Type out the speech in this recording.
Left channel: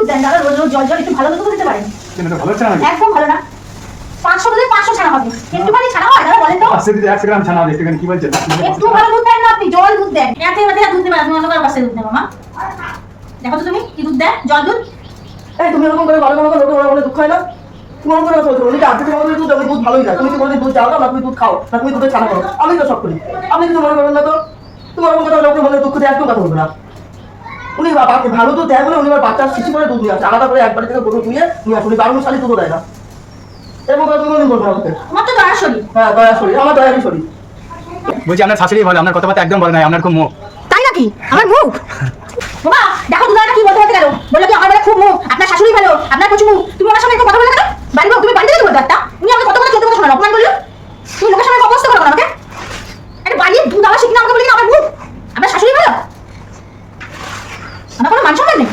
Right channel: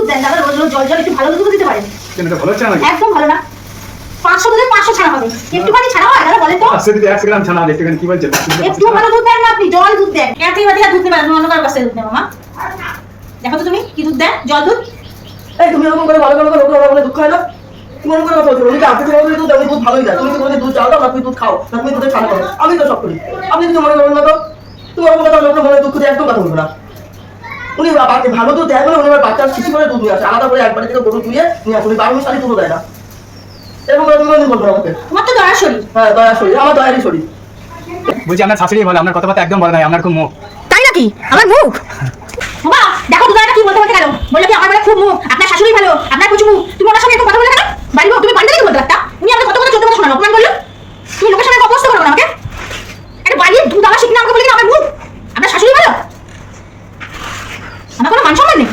দুধ দেন দাদা রোজ রোজ জল জল একটু ভালো দুধ দিতে পারেন। ভালো একদম ভালো না। পাঁচশো দুধে পাঁচশো ছানা হবে। একটুখানি ছানা হয় দাদা বলেন তো। পাঁচশো একশো গ্রাম ছানা দেখতে কি বলছে একটু ভালো দুধ দেন না আপনি জল দুধ দেন। এক বাদে দুধ নেবেন অন্য কারোর কাছে দুধ নেবেন মা। দেখো তো তুমি কি দুধ দেন? জল দুধ? এই তুমি এরকম করে ভালো ভালো করে ওকে ওরা বলে দুঃখ হয় তুমি করে কথা দুধ আমি দুধ ভালোই যায় তুমি তো দুধ চাও না তুমি দুধ খাও না তুমি দুধের খানা করো আমি তো সব করি। আপনি কিছু মনে করেন না তো? তুমি ওরকম কথা লোকের মনে দুঃখ দিয়ে একদম কথা বলব না। উনি ভালো দুধ দেয় বলে উনি আমার বাচ্চার শিশু করে দুধ নিয়ে আসে। আলাদা করে একবার থেকে গরু দিয়ে নিয়ে আসে। উনি বারো মিশালি দুধও দেয় না। এবং কথা তুমি বলব না আমাকে আমার তো দয়া শরীর। হ্যাঁ দয়া শরীর। আমার দয়ারই শরীর। বলছি আপনার শাশুড়ি বলে আপনার কথাবার্তা একদম বলে নাই আপনার খুব মুখ। তাই নাকি? আমার মুখ? বাবা দেখো అన్న కూడా మనుషులండి